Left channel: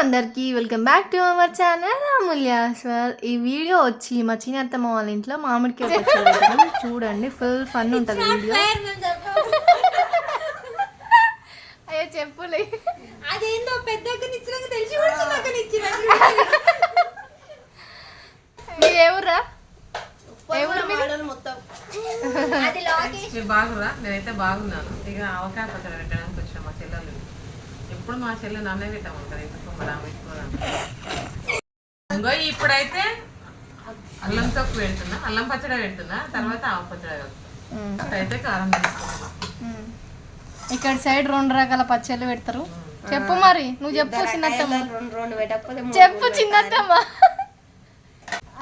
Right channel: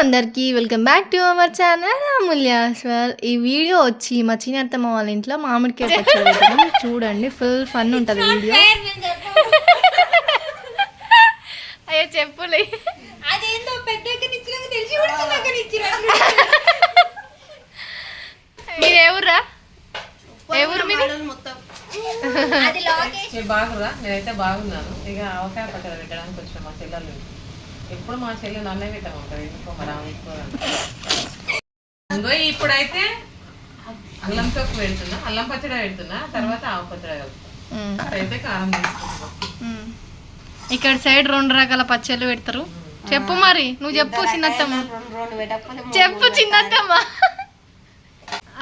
అందరికీ welcome back to our channel. అమూల్యాస్వర్ ఈ video వచ్చి మా చిన్నత్తమ్మ వాళ్ళ ఇంట్లో మామిడికాయ చూడండి ఫుల్ ఫన్ ఉంటుంది వీడియో. అయ్యో చెప్పులే. అదేందో పెద్దగా నిచ్చినాక తెలిసి మీరు ఎవరురా ఎవరు మీరు? మొత్తం. బాగురా నేనైతే బాగున్నాను. ఇక పచ్చడి పెట్టడానికి వచ్చిన మా చెల్లెలు. ఎప్పుడు మా చెల్లెలు నన్నే పెట్టమంటారు ఎందుకో మరి ఆమె ఎక్కువ ఇంకో ఇప్పుడైతే అల్లం తొక్కు పెడుతున్నా. అల్లం పచ్చడి పెడుతున్నా. తర్వాత ఆవ పచ్చడి కలుపుతా. ఇప్పుడైతే కారం తీసుకుంటున్నాం. ఇక్కడ సైడ్ రెండు రకాల పచ్చళ్ళు పెడతారు. చెప్పు మరి. నువ్వు చెప్పు చిన్నత్తమ్మ. చెప్పు చిన్నత్తమ్మ.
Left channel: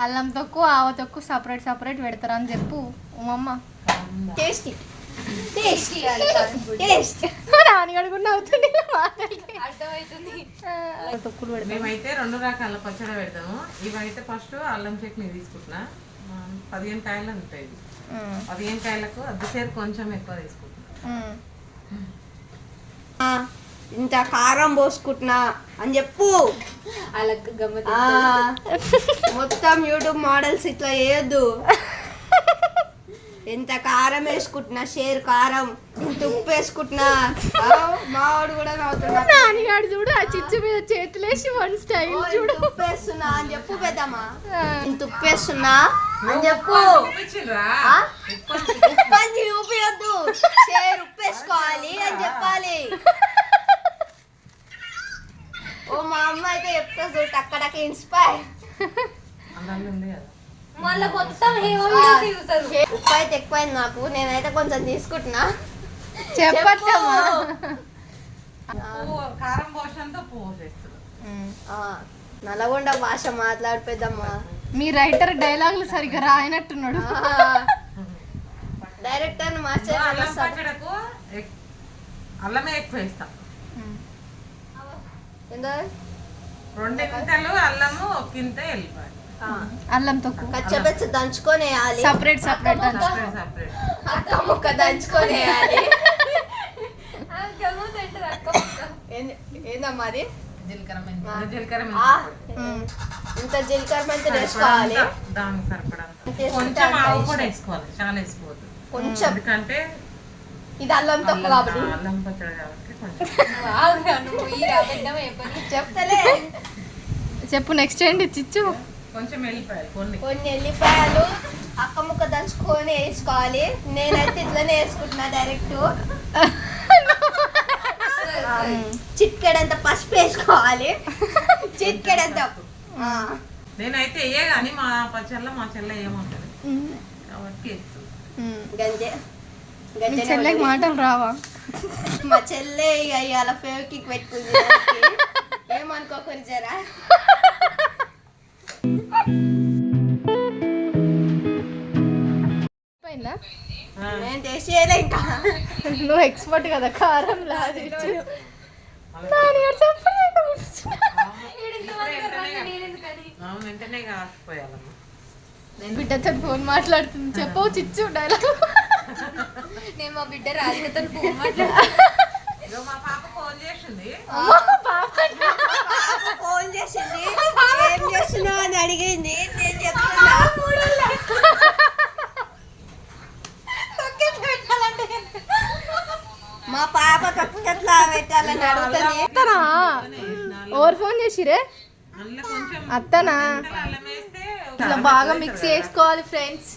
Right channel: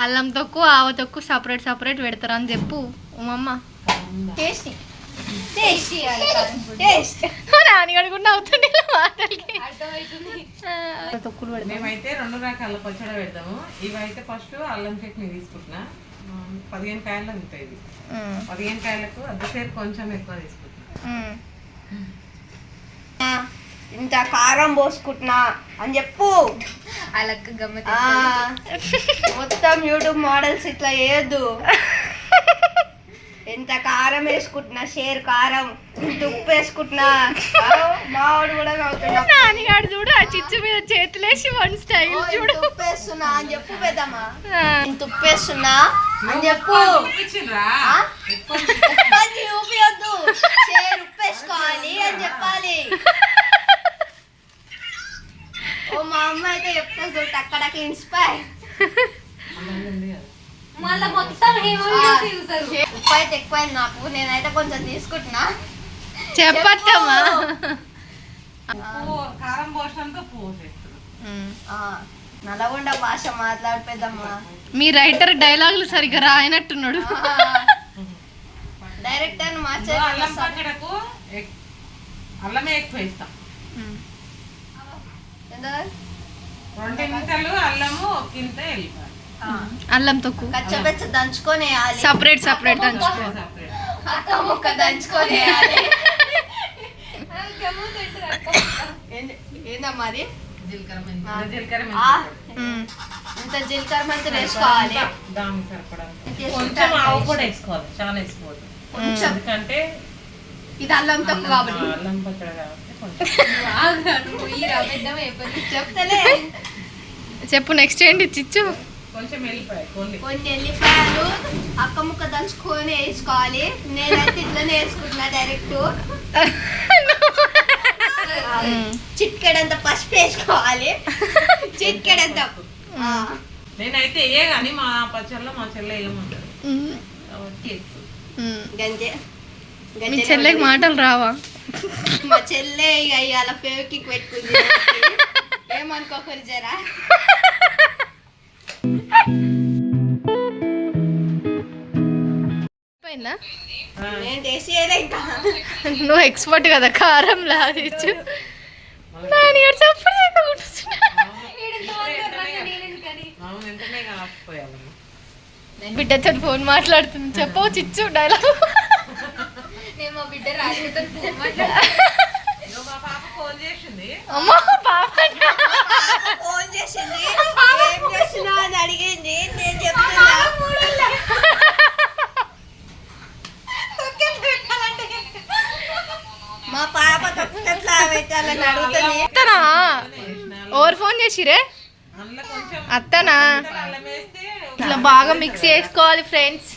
అల్లం తొక్కు ఆవ తొక్కు సపరేట్ సపరేట్ పెడతారు అని చెప్పు. ఉమ్మమ్మ టేస్టీ టేస్టీ టేస్ట్. నాన్నగడు కూడా అవుతుంది మాటలకి. తొక్కులు పెడతాం మేమైతే రెండు రకాల పచ్చడి పెడతాము. ఇవైతే ఫస్ట్ అల్లం చట్నీ తీసుకుంటున్నా. పదిహేను కాయలు ఉంటాయి. పదిహేను కాయలకు అద్దసేరు కొంచెం ఎక్కువ తీసుకుంటున్నా. ఇంత కారం పోసుకుంటున్నా అని చెప్పు. అలక్క గమ్మత్ ఆ, మొత్తం యూట్యూబ్ మోడల్స్ ఇట్లా వేయద్దు ఎంత కారం వేసుకుంటున్నా? షేర్ కారం ఇంత ఉప్పు వేసుకుంటున్నా ఆ, మావాడు కూడా నవ్వుతున్నాడు. నాన్నగాడు చూడు ఆ చిచ్చు మీద చేతులేసి వన్ స్టైల్ ఓ, చూడు. ఇంత ఉప్పు వేస్తున్నా అని చెప్పు పెద్దమ్మా. ఆ. ఇంత ఉప్పు వేస్తున్నా అని చెప్పు? ఆ? ఉప్పని చూపియొద్దు షేర్ ఉప్పు వేసుకోవాలి అని చెప్పాలి. ఓ మా అమ్మ అయితే చెప్తా చూడు అక్కడకి ఇన్స్పైర్ అల్లం ఉంది కదా. మళ్ళా మొత్తం ఉప్పు అయితే ఎక్కువైంది నాకు. నేనైతే కొంచెం తీసుకుంటున్నా. చెప్పత్తమ్మా ఉప్పు, కారం. ఆ, నల్గొండ భాష మాట్లాడిపోద్దమ్మా. మీ రైటర్ డైలాగులు సరిగ్గా రాయనట్టున్నాడు. డైరెక్టర్ మార్చే అల్లం పచ్చడకు అల్లమే ఎక్కువ ఇస్తాం. రెండింతలు అల్లము ఒక్కింత వెళ్ళిపోయి అల్లం తొక్కు. కచ్చబెచ్చ దంచుకొని సపరేట్ సపరేట్ దంచు సపరేట్ అక్క ముక్క దంచుకొని ఏందమ్మా అది. ఇంత జీలకర్ర వేసుకోవాలి. దానికి సరిపడంత. కొంచెం ఆవు కూడా వేసుకోవాలి చాలా వేసుకోవద్దు. కొంచెం. ఎందుకంటే ఇది అల్లం తప్పు కాబట్టి. అల్లం పచ్చడి కాబట్టి కొంచెం. చెప్తలే. చెప్పు నెక్స్ట్ ఏంటి? చిచ్చు. కొంచెం కొన్ని. కొన్ని ఎల్లిపాయలు అక్క ముక్క దంచుకొని వేసుకోవాలి. నేనైతే ఇట్లనే వేసుకుంటున్నా డైరెక్ట్ చిట్కెడంత పసుపు వేసుకోవాలి. చిట్కెడంత. నేనైతే ఏ కానీ మా పచ్చళ్ళలో మా చెల్లె ఏముంటది మీ గంజే చెల్లెకి మాటలు రావా? మా చెల్లె ఇక ఇవాళ ఫేవ్కిక్ పెట్టుకుంది. ఏమనుకోకరు జరా నువ్వు ఎక్స్పర్ట్ కదా కారం లాగించు. చెప్పు కాకపోయాలమ్మా బిడ్డతో ఫోన్ మాట్లాడుతుంది. చెప్పవు చిచ్చు డైలాగ్. నేను మా బిడ్డ రాజుతో ఇగో మా పాప ఫోన్ చేసింది. అమ్మో పాప ఫోన్ చేసింది ఏం చేస్తున్నావు అని అడిగింది నేను చెప్తున్నా మా పాప తప్పుట్లా పెట్టాలని అడుగుతుంది అత్తనా? Over phone చేసిరే అత్తనా? ఇట్లా బాగా మిక్స్ చేసుకోవాలి ఫ్రెండ్స్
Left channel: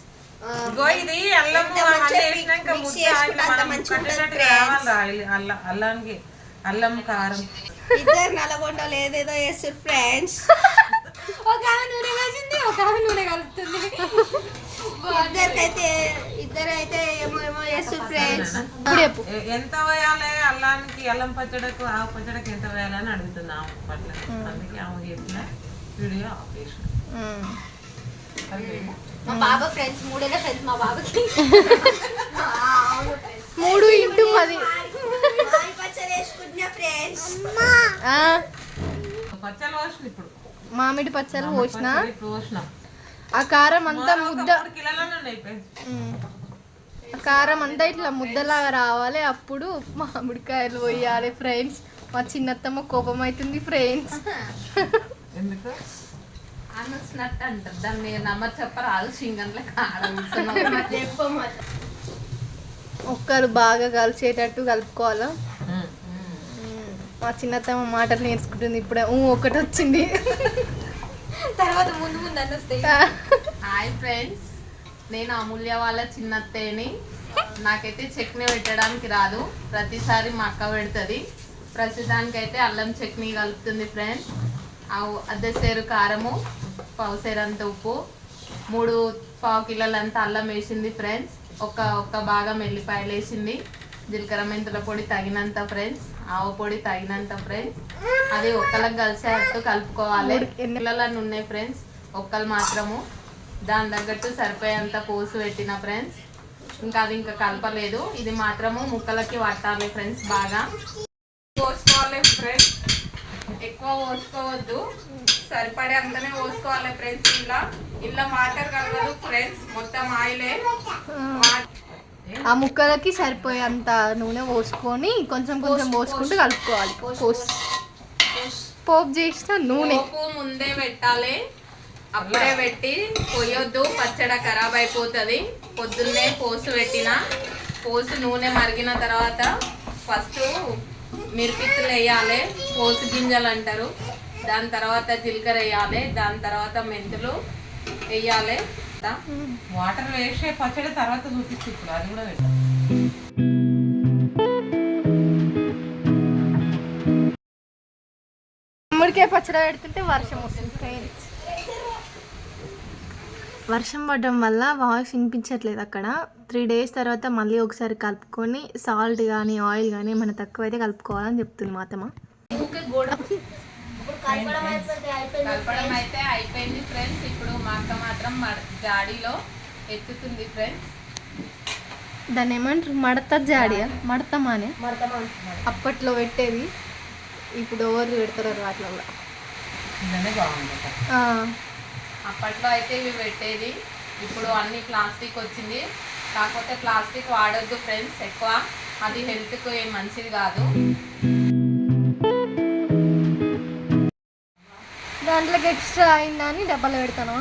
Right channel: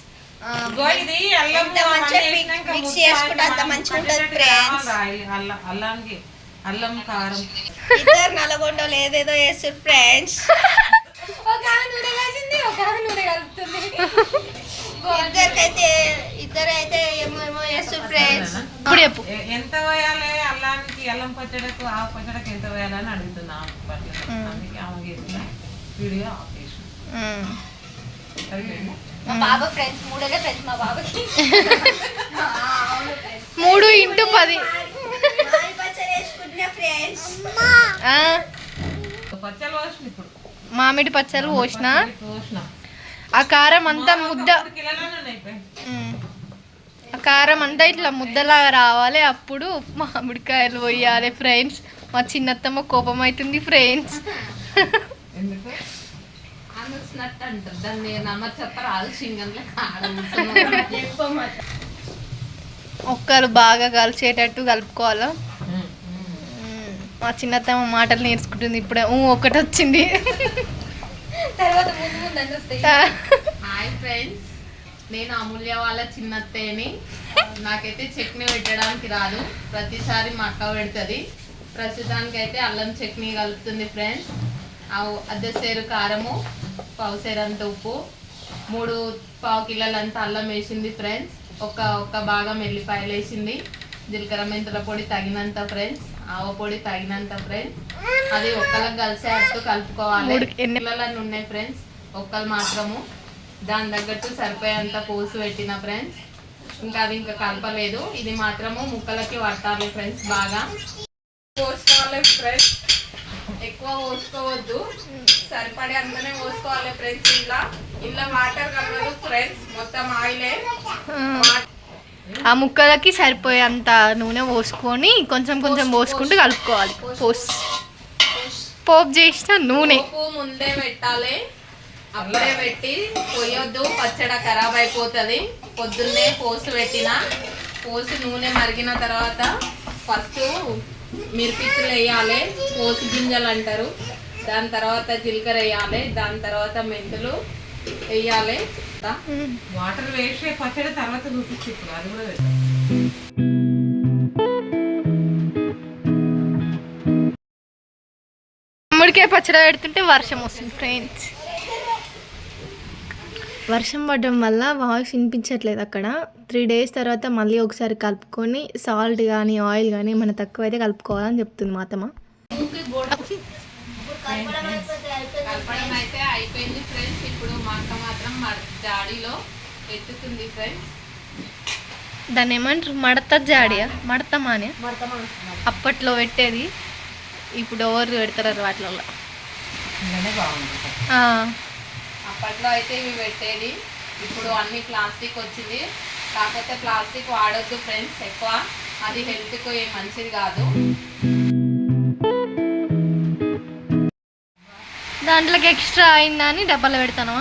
అల్లం కారం. ఇద్దరు నల్గొండలు ఏదేదో చేస్తారు ఫ్రెండ్స్ ఒక నూనె వేసింది ఒక నూనె కలుపుతుంది. ఇద్దరికైతే ఇద్దరు అయితే ఏమో ఏమో చేస్తారు ఫ్రెండ్స్ ఇప్పుడు ఎంత వేయాలి అల్లానికి అల్లం పచ్చడకు ఆ పచ్చడకు ఎంత వేయాలని అడుగుతున్నా పట్ల అందుకే ఆమె చెప్పిన వీడియో బాబాకి మూడు ఇంటూ పది. మామిడి ఇప్పుడు పోసిన. ఆ కారం అంతా ముద్ద. కారం అంతా ఇట్లా ముద్దలాగా రావాలి. అప్పుడు మామిడికాయలు పోయాలి ఫ్రెండ్స్. మా చిన్నత్తమ్మ కోపం అవుతుంది ఫ్రెండ్స్. ఒక్కరు బాగా కలిసేటట్టు కలుపుకోవాలా. మా చిన్నతమ్మ మాటలు నేర్చుకుంటుంది ఇప్పుడే. ఒకటి వచ్చింది. తర్వాత హాయ్ ఫ్రెండ్స్. నేను అమూల్య వాళ్ళ చిన్నత్తేని. నాకైతే చట్నీ పెట్టడానికి రాదు. ప్రతిసారి మా అక్క పెడుతుంది. ప్రస్తుతానికి అయితే అల్లం చట్నీ కలుపుతుంది ఫ్రెండ్స్. అద్దెసేరు కారము పావుసేరంత ఉప్పు మూడు పావు కిలోలంత అల్లం వేసింది ఫ్రెండ్స్. ఒక ఒక్క భాగం ఎల్లిపాయలు వేసింది. జీలకర్ర మెంతుల పొడి తగినంత ఫ్రెండ్స్. ఆవ పొడి తగినంత ఫ్రెండ్స్. అది ఒక్కలకు కలిసేటట్టు కలుపుకోవాలి. ఎన్ని- ఉన్నాయి ఫ్రెండ్స్. ఒక్కలు మాత్రము. దాని తగ్గట్టు సరిపోయేంత పోసు పెట్టిన ఫ్రెండ్స్. ఇంకా అది ఇంకా కలపలేదు. ఇది మాత్రము ముక్కలకి పట్టాలి ఫ్రెండ్స్ బాగా. పోసుకోవాలి ఫ్రెండ్స్. ఎక్కువ పోసుకోవద్దు. సరిపడే అంతనే పోసుకోవాలి ఫ్రెండ్స్ ఇలా. ఇలా వాటర్ కలవదు ఫ్రెండ్స్. మొత్తం ఆయిలే. ఆ ముక్కలకి సరిపోయేంత నూనె పోసుకొని కొంచెం కొంచెం పోసుకుంటూ కలుపుకోవాలి. పోస్ పోపు చేసిన నూనె. ముందే పెట్టాలి. అప్పుడే పెట్టి పోయొద్దు పచ్చడి ఖరాబ్ అయిపోతుంది. పొద్దున్నే పోసు పెట్టిన. పోసు నూనె మరిగిన తర్వాత ఫస్ట్ మిరపిత్తులు వేయాలి పోసు గింజలు అంటారు. దాని తర్వాత జీలకర్ర వేయాలి దాని తర్వాత మెంతులు వేయాలి. వాటర్ వేసే పచ్చడి తర్వాత చూపించు అది కూడా పచ్చడి పెడుతుంటే వర్షం వస్తుంది ఫ్రెండ్స్ వర్షం పడడం వల్ల వాయిస్ వినిపించట్లేదు అక్కడ. త్రీ డేస్ తర్వాత మళ్ళీ ఒకసారి కలుపుకొని సాల్ట్ కానీ ఆయిల్ కానీ మన తక్కువ అయితే కలుపుకోవాలని చెప్తుంది మా అత్తమ్మ. కలపడం అయితే అయిపోయింది ఫ్రెండ్స్ ఇప్పుడు మా అక్క మాత్రం జాడీలో ఎత్తుతుంది ఫ్రెండ్స్ దాన్ని ఏమంటారు? మడత జాడియా? మడత మానే అప్పట్లో పెట్టేది. ఇప్పుడు ఎవరు పెడతారు ఆ, అప్పట్లో అయితే ఇవి పెట్టేది. ఇప్పుడు అన్ని ప్లాస్టిక్ వచ్చింది. కాకపోతే ప్లాస్టిక్ వాడొద్దు ఫ్రెండ్స్ ఎక్కువ. అది హెల్త్కు ఏం మంచిది కాదు. దాంట్లోకి ఎక్స్ట్రా అయిందని డబ్బాలో పెడతాను?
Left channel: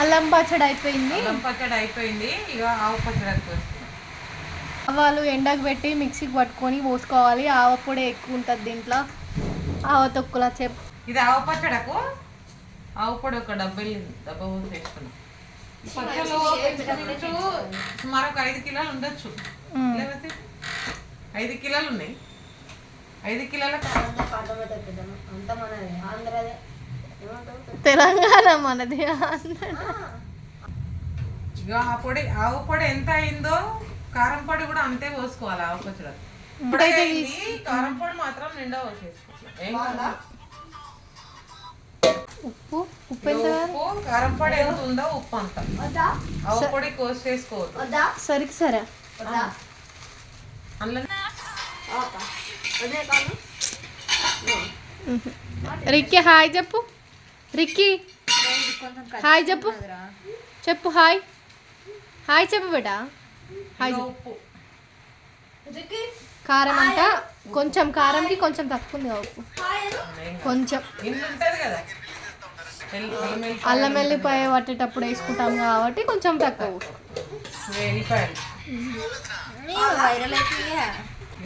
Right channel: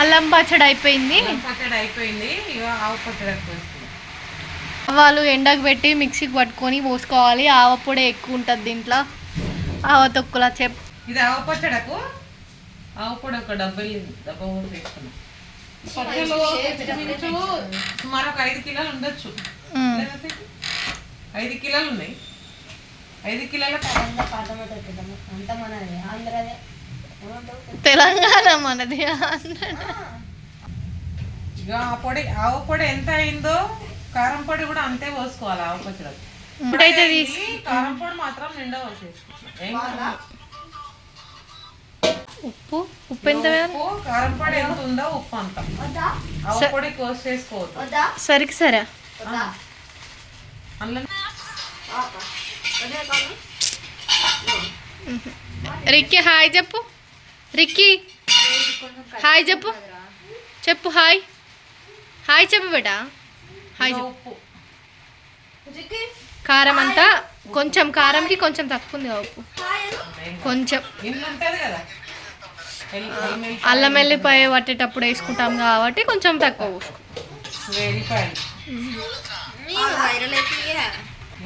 అల్లం పచ్చడి అయిపోయింది. పచ్చడి అయిపోయింది. ఇక ఆవు పచ్చడి వస్తుంది. వాళ్ళు ఎండకు పెట్టి మిక్సీకి పట్టుకొని పోసుకోవాలి. ఆవ పొడి ఎక్కువ ఉంటుంది దీంట్లో. ఆవ తొక్కుల చెప్. ఇది ఆవు పచ్చడకు? ఆవు పొడి ఒక డబ్బా డబ్బా వేసుకున్నాం ఇంచుమించు సుమారు ఐదు కిలోలు ఉండొచ్చు. ఐదు కిలోలు ఉన్నాయి. ఐదు కిలోల తెలంగాణ మనది ఆ పొడి ఆవు పొడి ఎంత అయిందో కారం పొడి కూడా అంతే పోసుకోవాలి ఆవు పచ్చడి ఇప్పుడైతే తీసి కారం పొడి మాత్రం నిండా పోసేసుకుంటున్నాం. ఏం కాదు. ఉప్పు? ఉప్పు ఎంత వేయాలి? ఉప్పు కారం పొడి ఎంత ఉందో ఉప్పు అంత. ఆవు పొడి కోసి చేసుకోవద్దు సరికి సరే. రిక్కీ హాయ్ చెప్పు. రిక్కీ హాయ్ చెప్పు. చెప్పు హాయ్. హాయ్ చెప్పు బేటా. హాయ్ చెప్పు. ఉప్పు. కారం అంతా కొంచెం కారంకి కొంచెం తక్కువ ఉంది ఉప్పు. కొంచెం. ఇల్లు ఉంటది కదా. ఎల్- అల్లం వెల్లిపాయ, పట్టేటప్పుడు వేసుకుంటాం కాబట్టి కొంచెం తక్కువ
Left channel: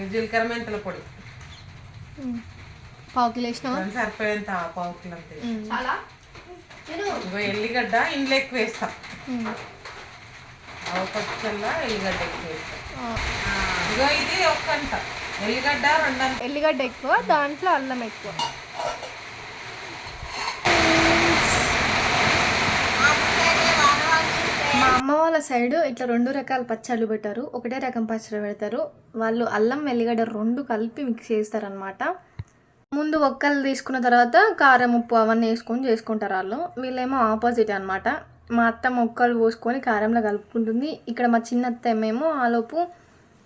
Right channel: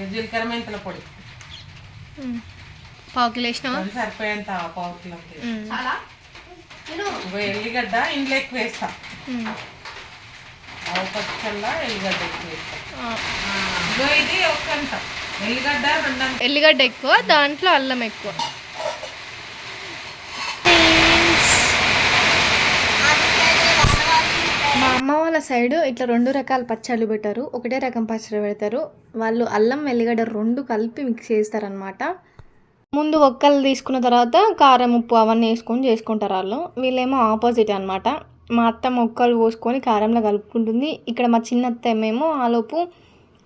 జీలకర్ర పొడి. పావు కిలో వేసినావా? సరిపోయేంత పావు ఎల్లిగడ్డ ఎక్కువ వేస్తా. ఆవు ఎల్లిగడ్డ ఎక్కువ వేస్తా. ఆ. ఇగో ఇది ఎల్లిగడ్డ ఎల్లిగడ్డ ఎక్కువ దాంట్లో అల్లం ఎక్కువ. మా అమ్మ వాళ్ళ సైడ్ ఇట్లా రెండు రకాల పచ్చళ్ళు పెట్టారు. ఒకటే రకం పచ్చడి పెడతారు. వాళ్ళు అల్లం వెల్లిగడ్డ రెండు కలిపి మిక్స్ చేస్తారనమాట ముందు ఒక్కలు తీసుకున్న తర్వాత కారం ఉప్పు అవన్నీ వేసుకొని చేసుకుంటారు వాళ్ళు. వీళ్ళేమో ఆపోజిట్ అనమాట మా అత్త మొక్కలు పోసుకొని కారంలో కలుపుకుంటుంది. ఇక్కడ మా చిన్న అత్తమ్మేమో ఆలోపు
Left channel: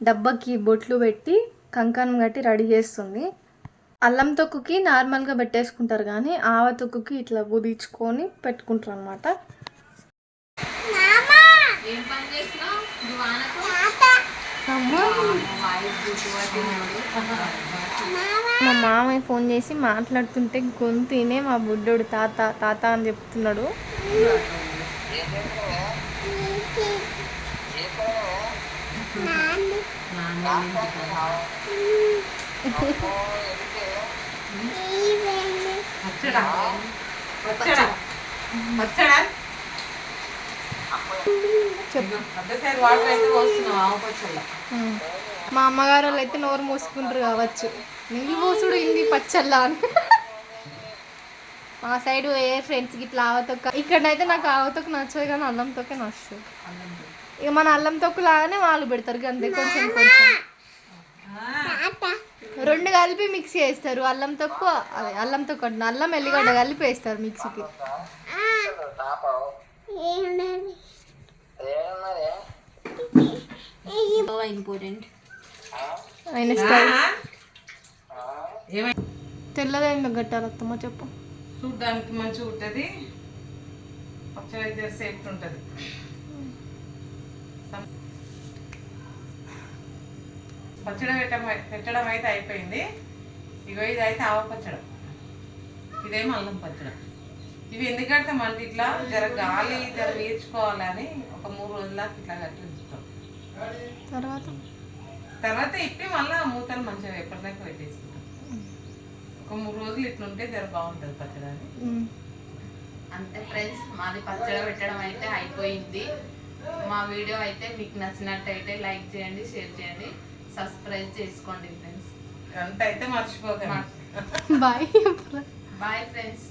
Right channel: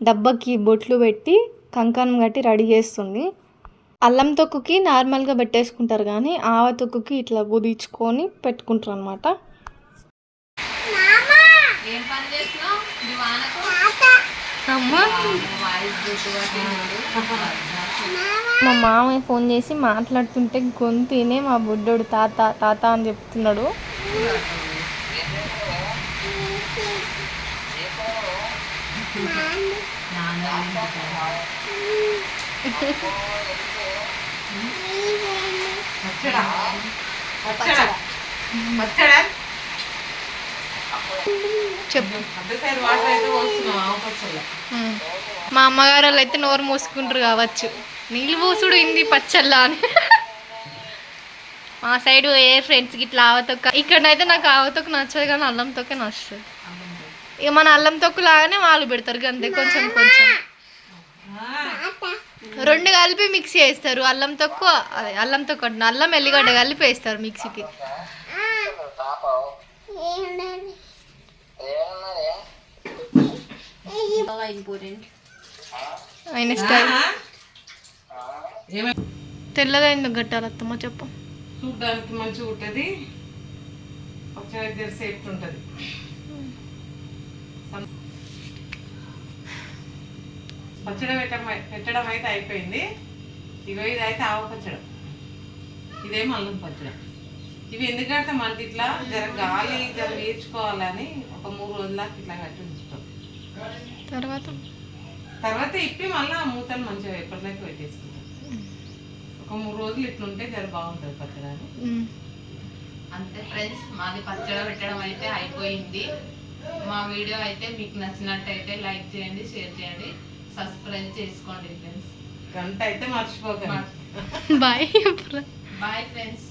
డబ్బాకి బొట్లు పెట్టి కంకణం కట్టి రెడీ చేస్తుంది. అల్లం తొక్కుకి నార్మల్గా పెట్టేసుకుంటారు కానీ ఆవ తొక్కుకి ఇట్లా బుదించుకొని పెట్టుకుంటారు అనమాట మా మామయ్య ఫోన్ చేసి మాట్లాడుతుంటే గొంతునే మా బుడ్డోడు తాత తాత అని చెప్తున్నాడు. వచ్చాడా వచ్చాడా వచ్చాడా చెప్పు మా అమ్మగారు వాళ్ళు అయితే నోరు మూసుకుంటారు కావచ్చు. నీళ్ళు పోసుడు ఇంది పచ్చల్లా అని. మా సైడ్ ఏ ఫ్రెండ్స్కి ఇట్లా ఆవతొక్క ఇక్కడైతే నాకు ఆవతొక్క నచ్చదు కానీ అల్లం నచ్చుతుంది. ఇక మన అల్లం తొక్కు లాగానే వాళ్ళు పెడతారు అంతే కొంచెం కొంచెం. రెండు కలిపి మిక్స్ చేస్తారు అల్లం తొక్కు అదే అల్లం తొక్కు అంటున్నా అల్లం ఎల్లిగడ్డ కలిపి వేస్తారు మిక్సీకి. ఇంపార్టెంట్ ఆయన స్టైల్. ఏమై తెల్లగా ఎందుకు కట్టాలి అత్తమ్మ చెప్పు. చూడ్డానికి మంచిగా ఉంటుంది. దగ్గర సేఫ్టీ ఉంటుంది. పచ్చడి పెట్టడం పెట్టడం అయితే అయిపోయింది. ఇగో ఇది అయితే ఆవ పచ్చడి. ఇదేమో అల్లం పచ్చడి. ఇవి ఎందుకంటే మనకి ఇట్లా జర గాలి జర వీర్చుకోవాలని ఒక మూడు రోజులకి ఇట్లా కట్టి ఉంచుతాం. తర్వాత? తర్వాత ఇప్పి మళ్ళీ మూతలు మంచిగా ఎప్పటిలాగా పెట్టేసుకుంటాం. ఒక మూడు రోజులు ఇట్లుంటే జర బాగుంటుంది పచ్చడి అని. ఉమ్. అంతే ఫ్రెండ్స్ మాది పచ్చడి పెట్టడం అయితే అయిపోయింది. మా వీడియో అయితే మీకు నచ్చినట్టయితే లైక్ చేయండి షేర్ చేయండి. సబ్స్క్రైబ్ చేసుకోండి ఫ్రెండ్స్ గంట అయితే మర్చిపోకండి బాయ్ బాయ్ ఫ్రెండ్స్